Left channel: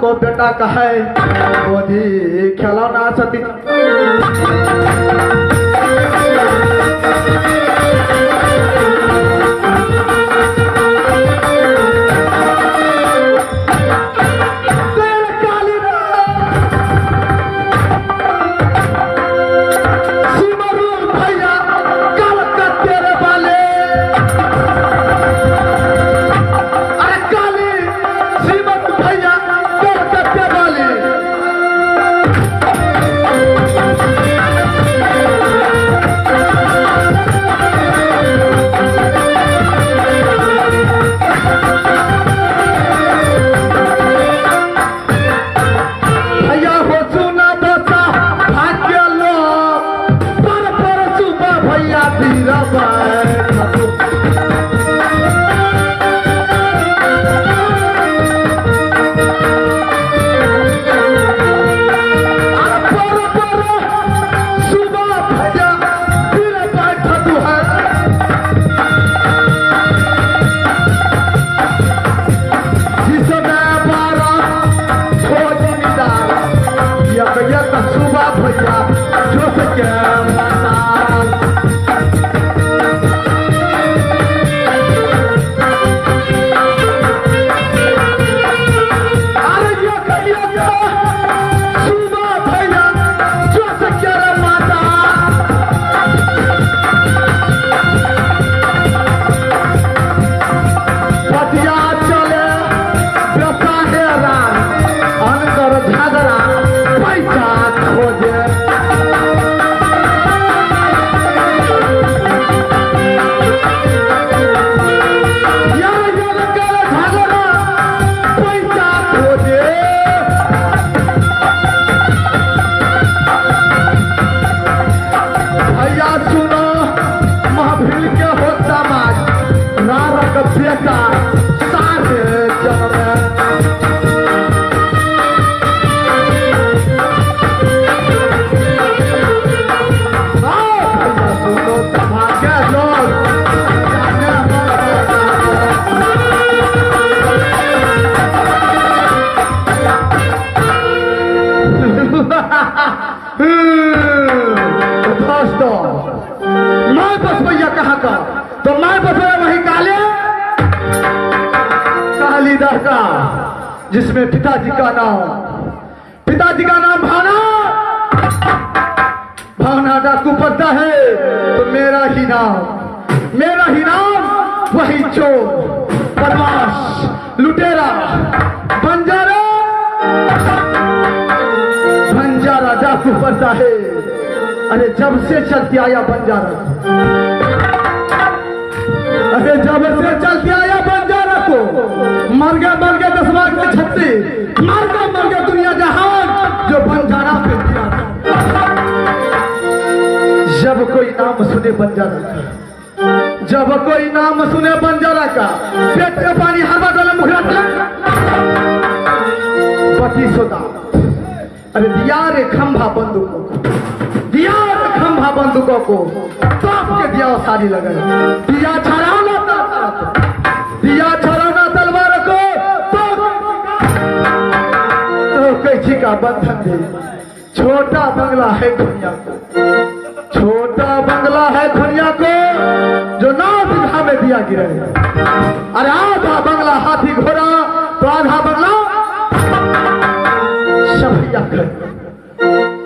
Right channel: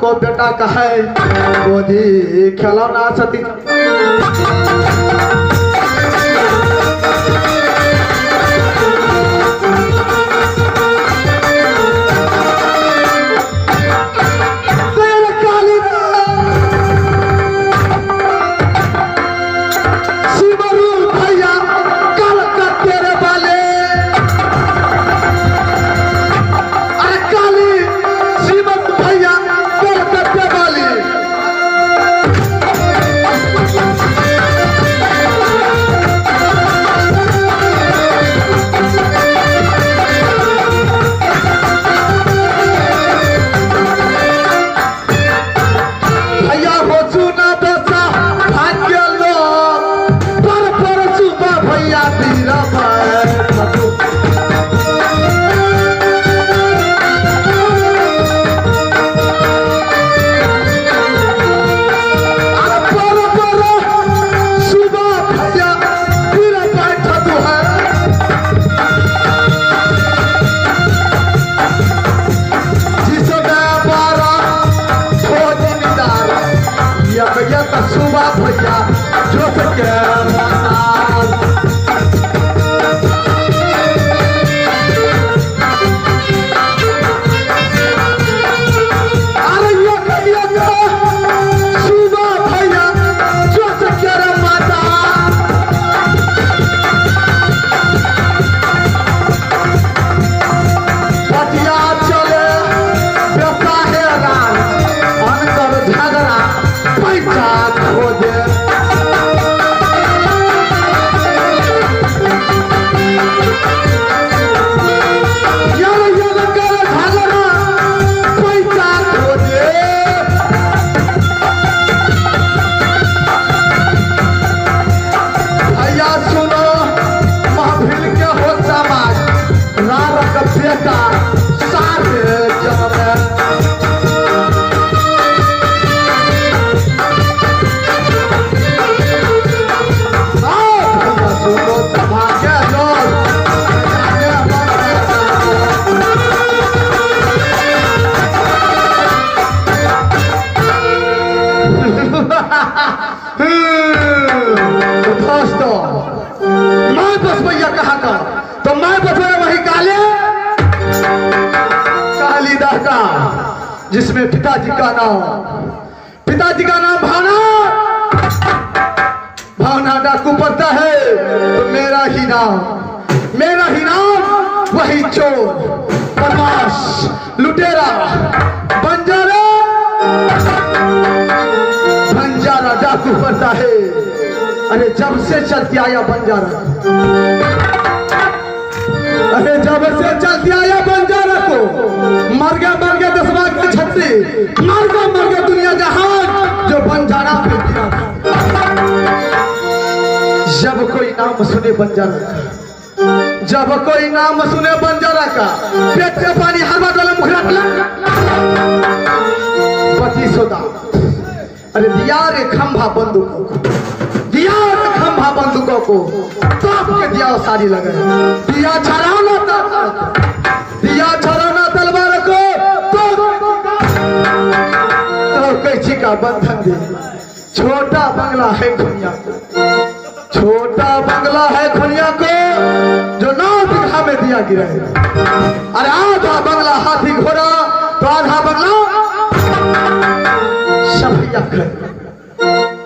को बेटा का है गोदी खिलौना सती जिसमें पिताजी का नाम भावना डाकू पड़ता है तो मेरा ही नाम वही चोर बदमाश लुटेरा बंजारा डाकू पड़ता है। अरे जब से चलते आया बंजारा को मर गया 10 लाख के छत्ती मर गया दुनिया जहान जो बंजारा पे गिरा। जब कोई नाम सुने बंजारा का पेट में पानी हवा गलम बत्ती सोदा। अरे दिया रे खंभा बंदूकों को बाप के दिया सारी लगे दिया छड़ाना तलवार को तो कैसी का बंधन दे। छोटा बंगला है दुनिया को जो 9 बीघा में दिया गया है। अरे आधा बंगला हाथी घोड़ा तो आधा बंगला शफिया है।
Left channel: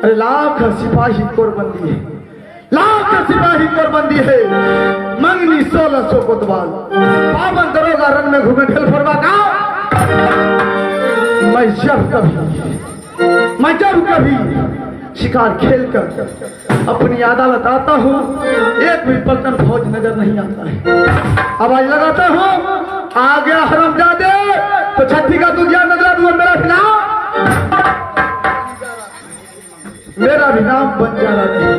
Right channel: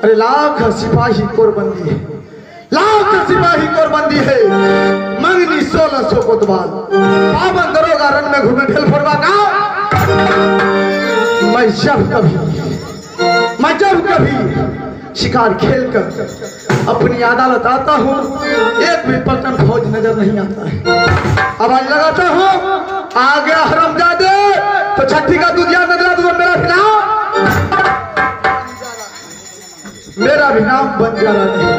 अरे लाख सिपाही कोरबंदी है मंगनी 1600 कोतवाल पावन दरोगा रंग में घूमे ढेल फरवा का मैं जब कभी शिकार खेलकर अपनी अदालत आता हूँ, एक भी पलटन फौज नजर नहीं आता है। आवाज लगाता हूँ, आ गया हरामजादे, तो छठी का दुनिया नजर दूंगा। मेरा भी नाम बन जा रहा है।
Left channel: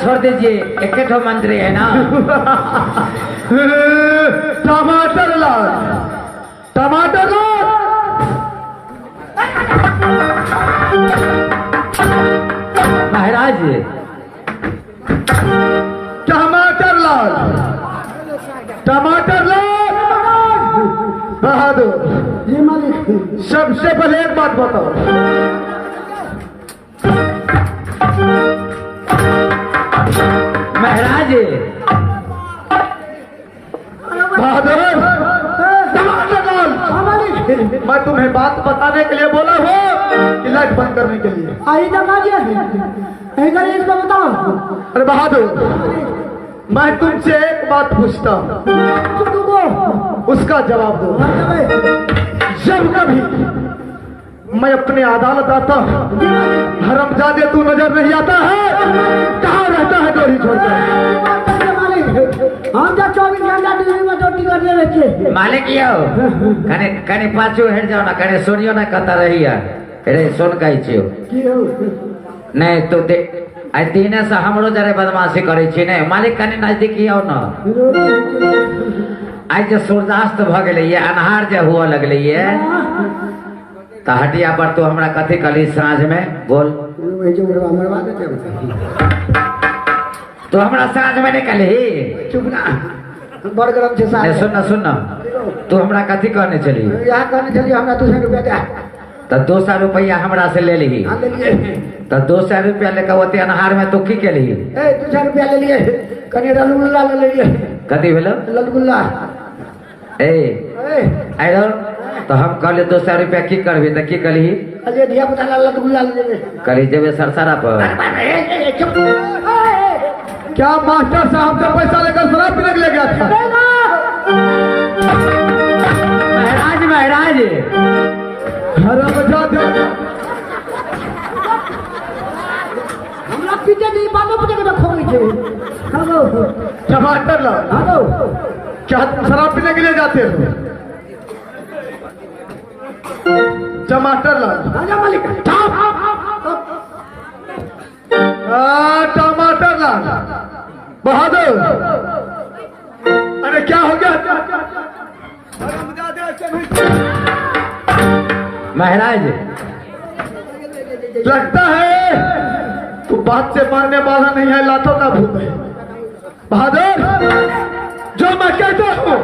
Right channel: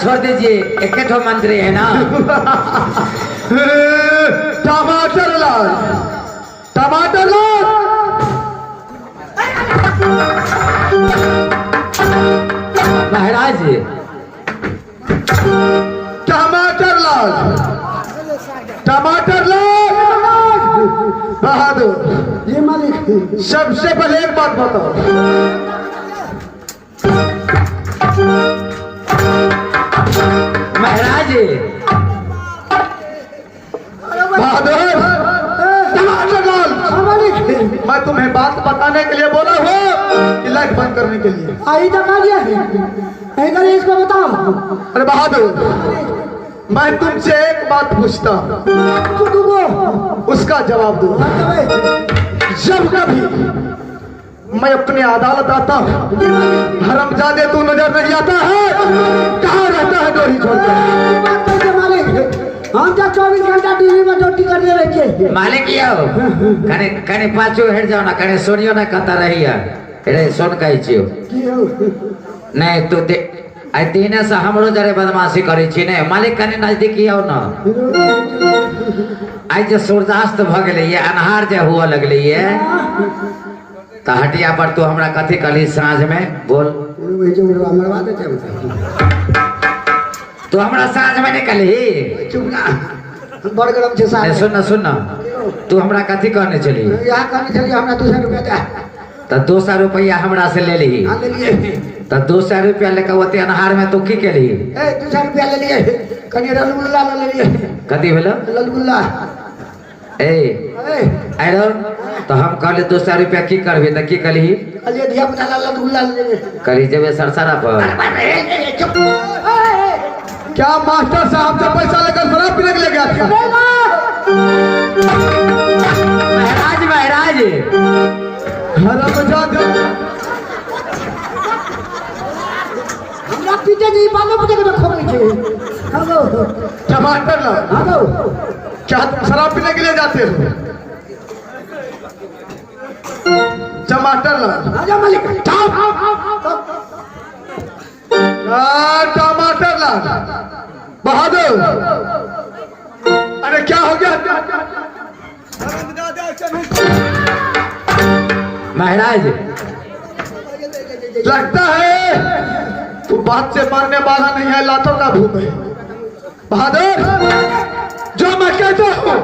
छोड़ दीजिए, एक मंत्री है ना। टमाटर लाल, टमाटर लाल, महाराज टमाटर लाल, टमाटर लाल। बहादुर ये मालिक, सबसे पहले एक बात बताओ, महाराज बहादुर टमाटर लाल, मैं तुम्हें बात बताने के लिए बोला हूँ कि लाइट बंद करने के लिए। आई इसको बताओ। अरे बहादुर, मैं तुमसे एक बात पूछता हूँ, उसका जवाब दो। जब कभी मैं अपने अदालत आता हूँ, हरामजादे तू नजर नहीं आता है, कहाँ रहता है डोरी छोड़कर? हम क्या 24 घंटा टीवी में ड्यूटी करने रखे मालिक कने कने पाछो हेड जाओ ना, कने सोनियो ना कता रही है। अरे सोन कही छियो नहीं तो दे आई तीने से हमरो जरे बदमाशी करै छी ने। मालिक कने नजदीक आओ ना। आज जे सूर्यास्त भ गेलै ये, अन्हार जे हुआ लगलै ये, त हटिया पर तो हमरा कथि कली साँझ में बोल। तो हमरा साँझ में निकली बड़ गरम छे साहब। सुन ना सुन ना, तू हमरा कथि कहने चली? यहाँ कहने चलिए हमरा 200 रुपया दे। तो 200 रुपया हमरा से ले ली। हाँ ले लिए। तो 200 रुपया लेकर ओते अनहार में तू की के ली? 200 रुपया ले लिए, कनी रसगुल्ला ले लिए। कथि भेलो? रसगुल्ला। हेलो, तो हम कहले 200 रुपया की करबे? तो की कली? अरे धिया पुता रसगुल्ला ले ले। कली जेबे सरसरा पर। क्या मास्टर साहब से पैसा लेकर शराब पीने के लिए गया था? महाराज महाराज हरामजादे, हमरा पीछे जी बालों पे के खोल के। हेलो टमाटर लाल, हेलो, क्या तुम शराब पीने के लिए जाते हो? टमाटर लाल, राजा मालिक टमाटर लाल, बहादुर, अरे क्या हो गया? महाराज लगता है तू बात से मारने वाला नहीं है, लातों का भूत है। बहादुर, जो मैं कहता हूँ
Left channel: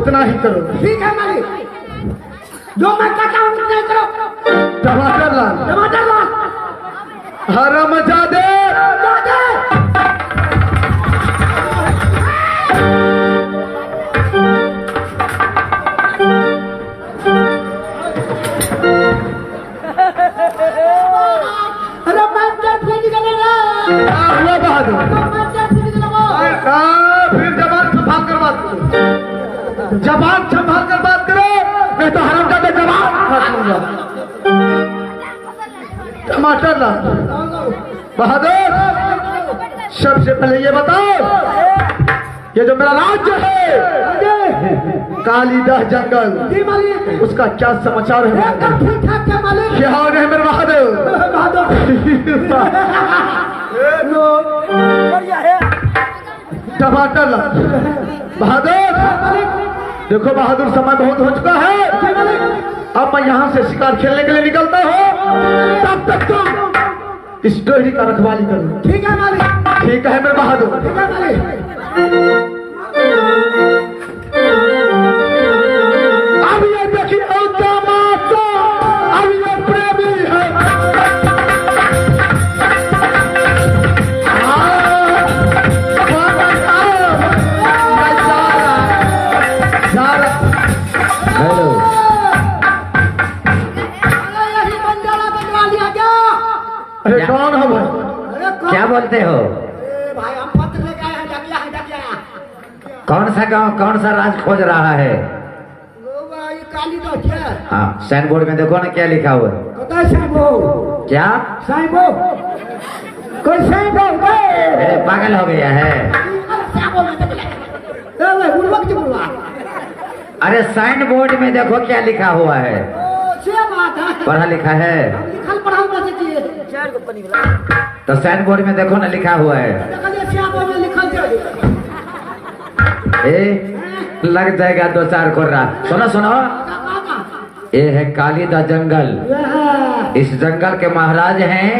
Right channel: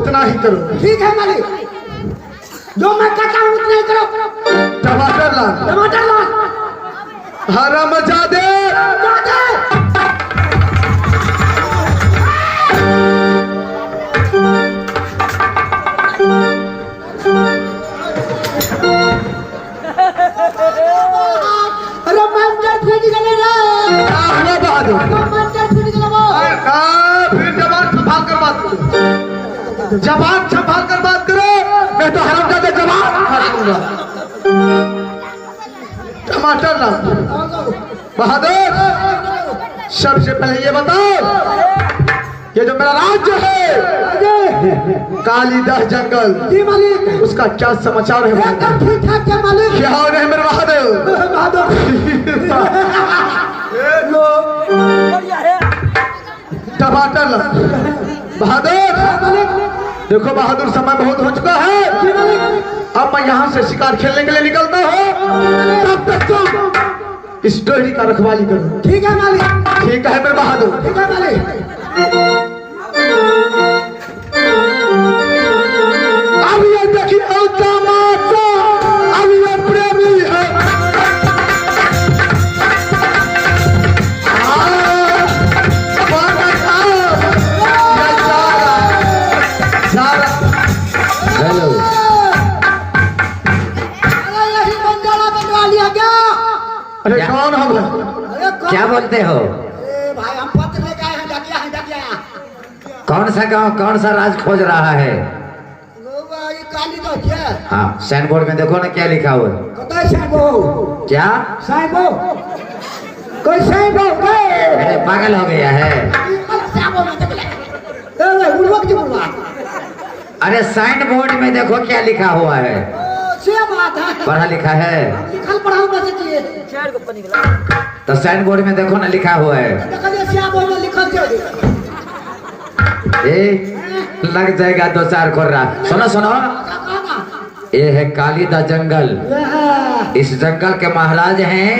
उतना ही करो। ठीक है मालिक, जो मैं कहता हूँ उतना ही करो। टमाटर लाल, टमाटर ला। हरामजादे, अरे मास्टर फिर निकले ना। बहादुर मास्टर फिर निकले वो। फिर जवाब टमाटर ला। बहादुर, सबसे पहले ये बताओ, ये जो मेरा राज्य है कालीदास जंगल, जी मालिक। उसका क्या समाचार है? एकदम ठीक ठाक है मालिक। क्या हो गए मेरे बहादुर? टमाटर ला। बहादुर, देखो बहादुर, समय बहुत हो चुका है, अब मैं यहाँ से शिकार खेलने के लिए निकलता हूँ, तब तक तुम इस डोहरी का रखवाली करो। ठीक है मालिक। ठीक है मेरे बहादुर। ठीक है मालिक। अब ये देखिए तमाशा, अब ये प्रेमी है। हेलो, अरे यही बंजारा बनवा लिया क्या? अरे क्या? कौन है वो? अरे क्या बोलते हो? अरे भाई हम पत्र लेके आए हैं, डकिया है डकिया। कौन सा गांव, कौन सा राज खोज रहा है? लो भाई काली तो क्या? हाँ, साइन बोर्ड में देखो ना क्या लिखा हुआ। कतई साइबो? क्या? साइबो? कोई साइबो गए? अरे पागल हो गया है? साइबो में देख ले। ए उर्वक जी बुआ। अरे साइन बोर्ड में देखो क्या लिखा हुआ है। से बात है। पढ़ा लिखा है लिखल पढ़ाओ बस चाहिए। चार को पनी वाला। तो साइन बोर्ड में देखो ना लिखा हुआ है। देखो साइबो में लिखल थे। ए, लग जाएगा दो चार कोर्रा। सुनो सुनो, ये है कालीदास जंगल। इस जंगल के महाराज हैं,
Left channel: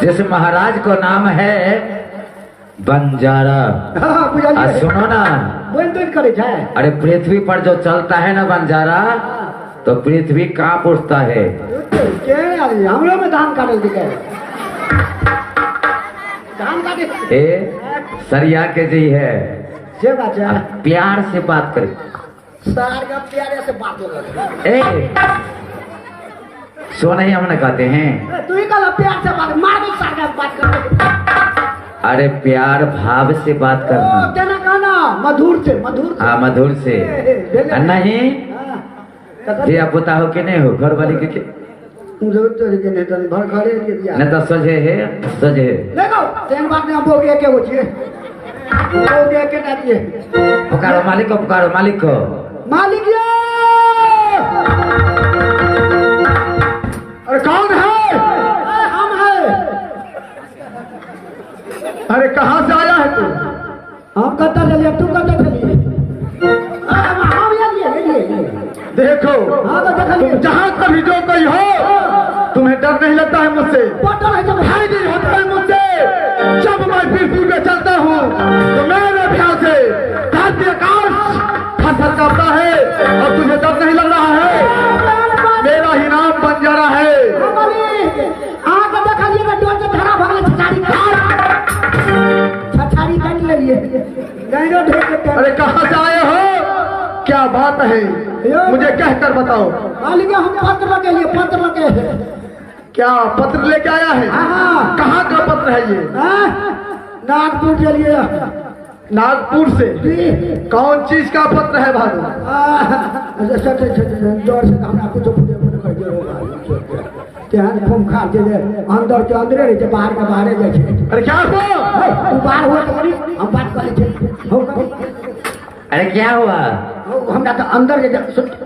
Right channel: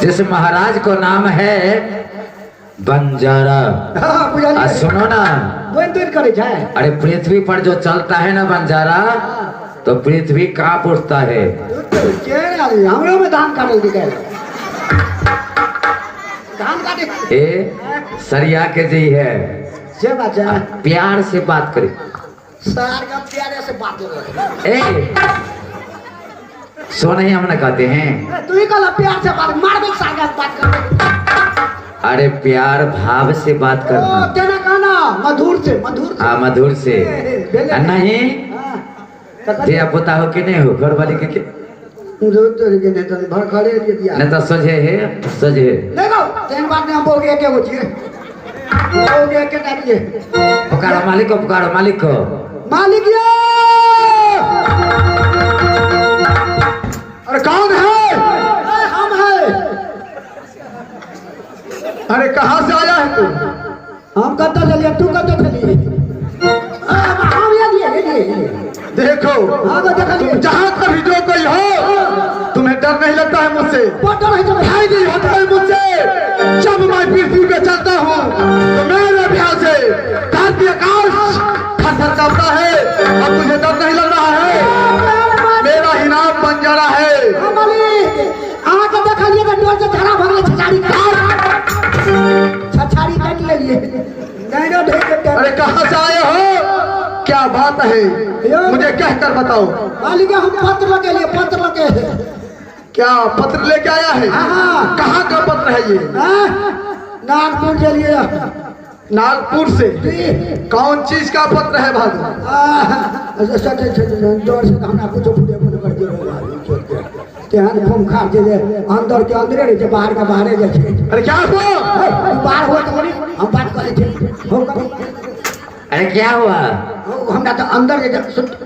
जिस महाराज को नाम है बंजारा। हां बुझा आ, सुनो ना, बंदर करे जाए। अरे पृथ्वी पर जो चलता है ना बंजारा, तो पृथ्वी कांप उठता है। के यार हमरा में धान काटल दिखे। धान काटे। ए सरिया के जी है, से बाजा प्यार से बात करे। सार का प्यारे से बात हो। ए सो नहीं हम ना कहते हैं। तू ही कल प्यार से बात मार दे, सार का बात कर। अरे प्यार भाव से बात ओ करना। तेरा गाना मधुर से, मधुर से। हाँ मधुर से। नहीं दिया पुता हो कि नहीं हो, घर वाली के जो तो के ने तन भर खड़े के दिया। नहीं तो सजे है, सजे है। देखो तेन बात ना बोल के क्या होती है। बोल के क्या करती है। पुकारो मालिक को, पुकारो मालिक को। मालिक ये अरे कौन है? हम है। अरे कहाँ से आया है तू? हम कत्ता ले लिया, तू कत्ता चली? हम ये लिए। देखो, हाँ तो देख तुम जहाँ कभी जो कोई हो, तुम्हें डर नहीं लगता है मुझसे? पटल है तो भाई नहीं होता है मुझसे। जब मैं पृथ्वी पे चलता हूँ तो मेरे अभ्यास से धरती आकाश थरथर करता है, और तुम्हें डर नहीं लग रहा है? मेरा ही नाम बंजारा है। आगे देख लिए तो डर से धरा भगले छछाड़ी काट ले लिए। नहीं रो ढेर के। अरे कहाँ से आए हो? क्या बात है, मुझे कहकर बताओ। मालिक हम पत्र के लिए, पत्र के। क्या पत्र लेके आया है? हाँ। कहाँ का पत्र है ये? नागपुर के लिए। नागपुर से? जी। कौन चीज का पत्र है भाई? अच्छा जोर से हमरा कुछ केहन फोन खा के अंदर के अंदर रहे, बाहर का बाहर जाए छे। अरे क्या हुआ? बाहर हुआ तो करी हम बात करे थे। अरे क्या हुआ? हमरा तो अंदर जे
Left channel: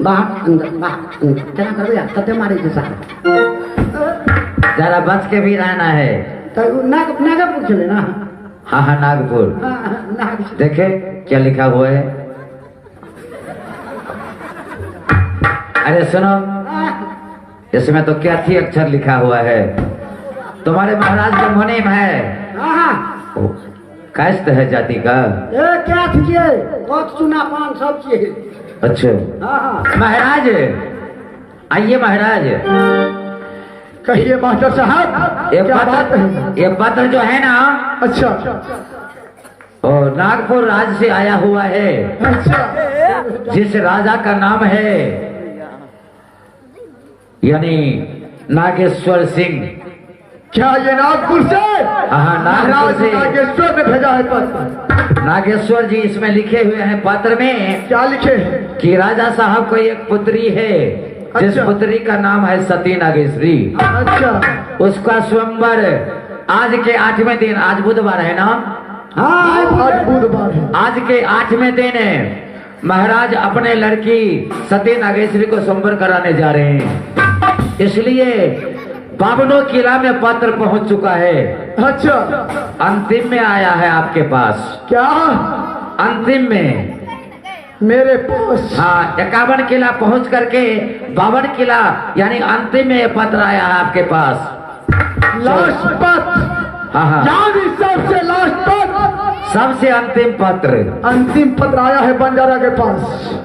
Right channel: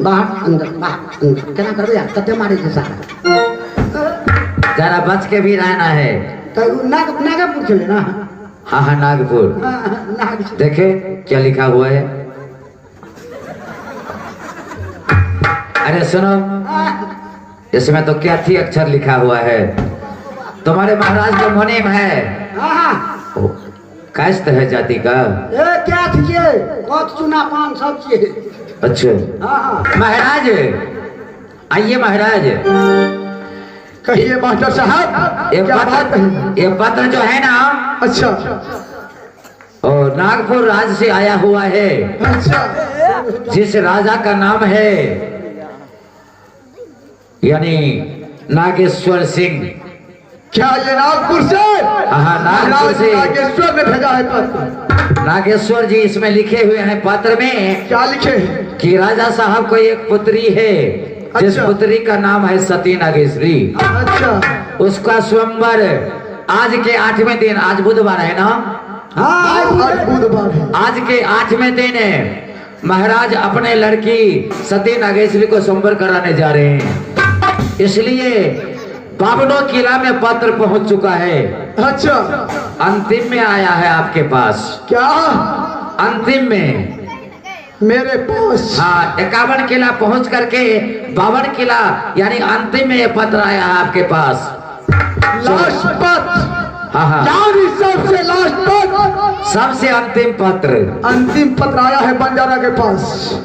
बाहर अंदर क्या करे यार, कते मारे के साथ। जरा बच के भी रहना है। तो नागपुर चले ना। हाँ हाँ नागपुर। नागपुर देखे क्या लिखा हुआ है। अरे सुनो, इसमें तो क्या थी अक्षर लिखा हुआ है। तुम्हारे महाराज का मुनीम है। ओ, कास्ट है जाति का। क्या थी बहुत चुना पान सब चीज। अच्छा महाराज, आइए महाराज। कहिए मास्टर साहब, क्या बात है? ये पत्र जो है ना, अच्छा और नागपुर राज्य से आया हुआ है, अच्छा। जिस राजा का नाम है यानी नागेश्वर सिंह। क्या ये नागपुर से? हाँ नागपुर से। नागेश्वर ने भेजा है पत्र। नागेश्वर जी इसमें लिखे हुए हैं पत्र में। क्या लिखे हैं? कि राजा साहब को एक पुत्री है, जिस अच्छा। पुत्री का नाम है सती नागेश्वरी। अच्छा उसका स्वयंवर आज के 8वें दिन, आज बुधवार है ना, हाँ आज बुधवार है। आज के 8वें दिन महाराज अपने लड़की सती नागेश्वरी को स्वयंवर कराने जा रहे हैं। इसलिए बावनों किला में पत्र पहुंच चुका है। अच्छा अंतिम में आया है आपके पास। क्या अंतिम में मेरे पास? हाँ, 51 किला पहुंच करके 52 किला यानी अंतिम में ये पत्र आया है आपके पास। लास्ट पत्र? हाँ हाँ, यानी सबसे लास्ट पत्र, सबसे अंतिम पत्र। अंतिम पत्र आया है बंजारा के पास।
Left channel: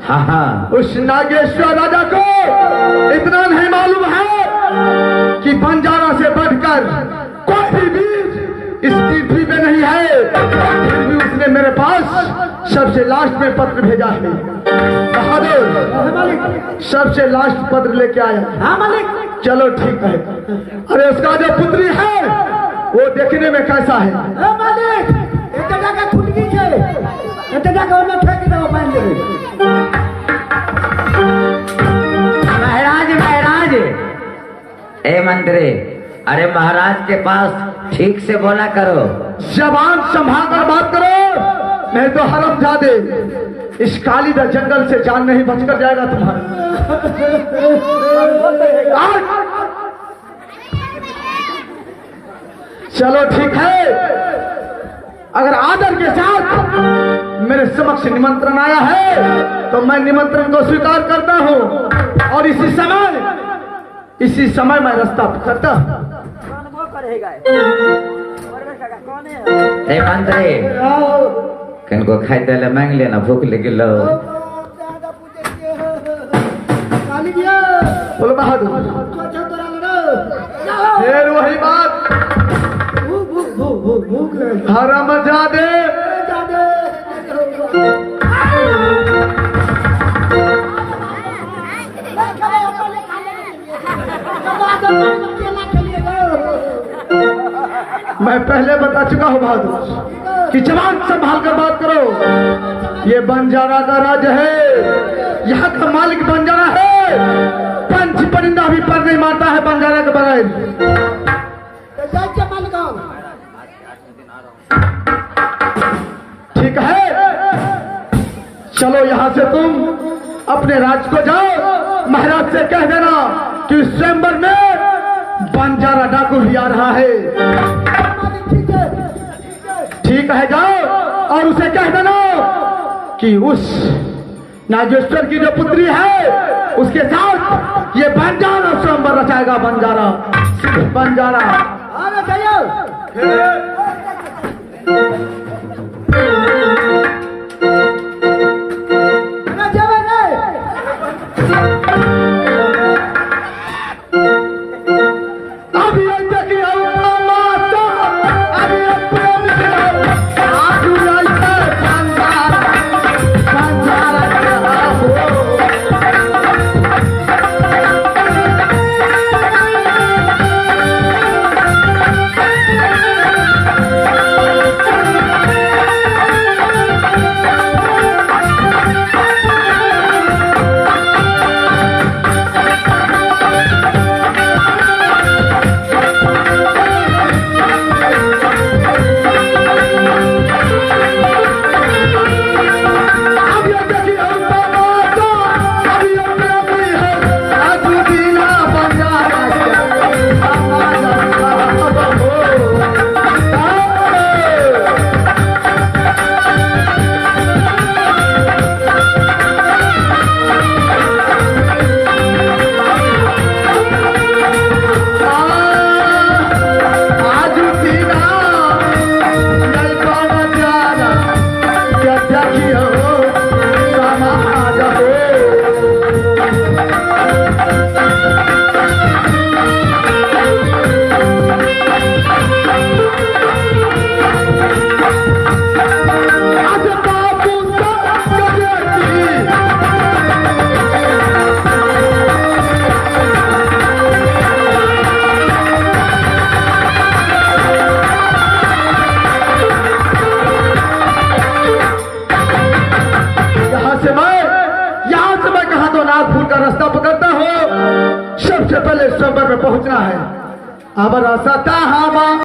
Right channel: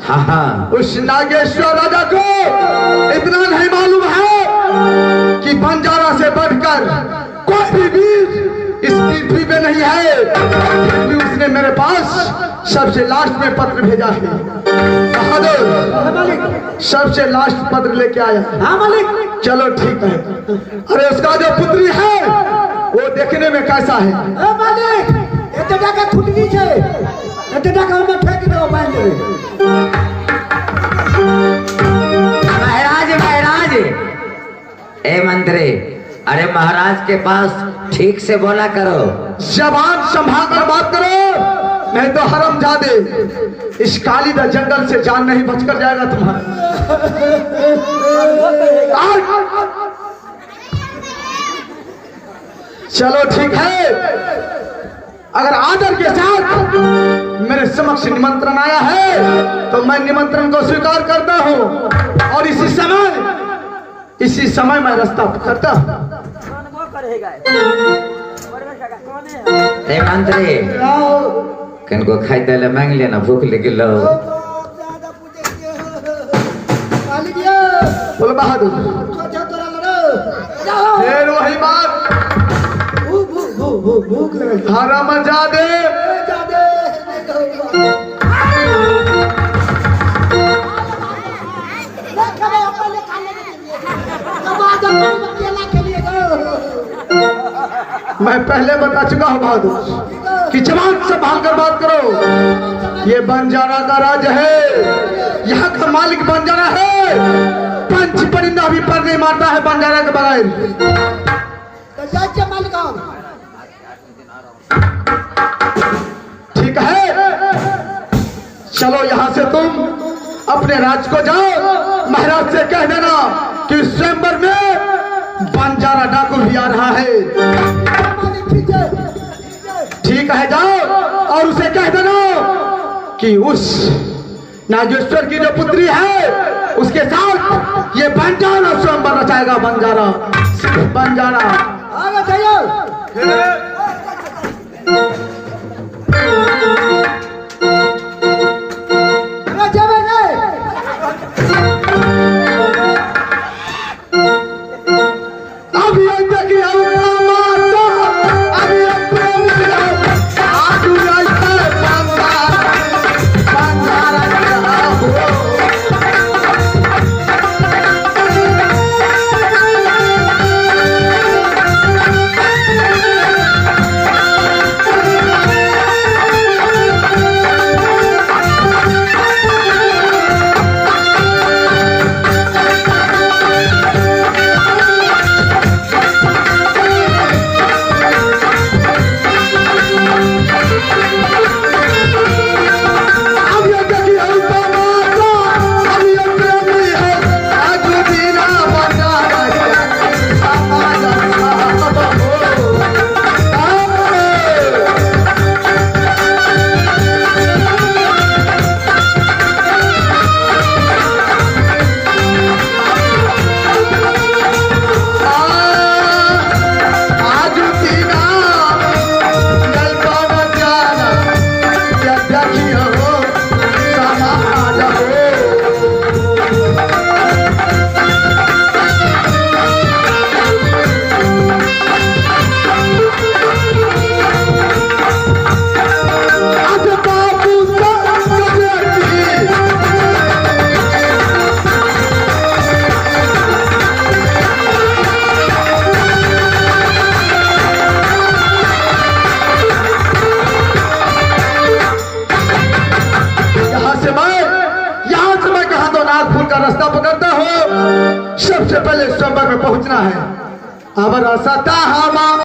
हाँ हाँ, उस नागेश्वर राजा को इतना नहीं मालूम है कि बंजारा से बढ़कर कोई भी वीर इस पृथ्वी में नहीं है। इसलिए उसने मेरे पास सबसे लास्ट में पत्र भेजा है। बहादुर सबसे लास्ट पत्र लेके आया। हाँ मालिक। चलो ठीक है। अरे उसका जो पुत्री है वो देखने में कैसा है? मालिक इतना का छुटकी है, इतना का मैं फेंक दो पानी। महाराज महाराज, ए मंत्री, अरे महाराज के पास ठीक से बोला करो। जबान संभाल कर बात करो, नहीं तो हरामजादे इस कालीदा जंगल से जान नहीं बचकर जाएगा तुम्हारा। चलो ठीक है, अगर आदर के साथ मेरे समक्ष निमंत्रण आया है तो मैं निमंत्रण को स्वीकार करता हूँ और इसी समय मैं रास्ता पकड़ता हूँ। ए मंत्री, कनको खाई दले मांग लेना, भूख लगी लो। बोल बहादुर फिर वही बात, हरामजादे मैं पहले बता चुका हूँ बहादुर कि जवान संभाल कर बात करो। ये बंजारा का राज्य है, यहाँ का मालिक बंजारा है। पंच परिंदा भी पर नहीं मारता है बंजारा के बगैर। ठीक है, चलो यहाँ से तुम अपने राज्य को जाओ। महाराज से कह देना कि स्वयंवर में बंजारा डाकू भी आ रहा है। ठीक है, जाओ और उसे कह देना कि उस नागेश्वर की जो पुत्री है उसके साथ ये बंजारा स्वयंवर रचाएगा। बंजारा सबसे पहले सोमवार में पहुंचना है। अब रसता हवा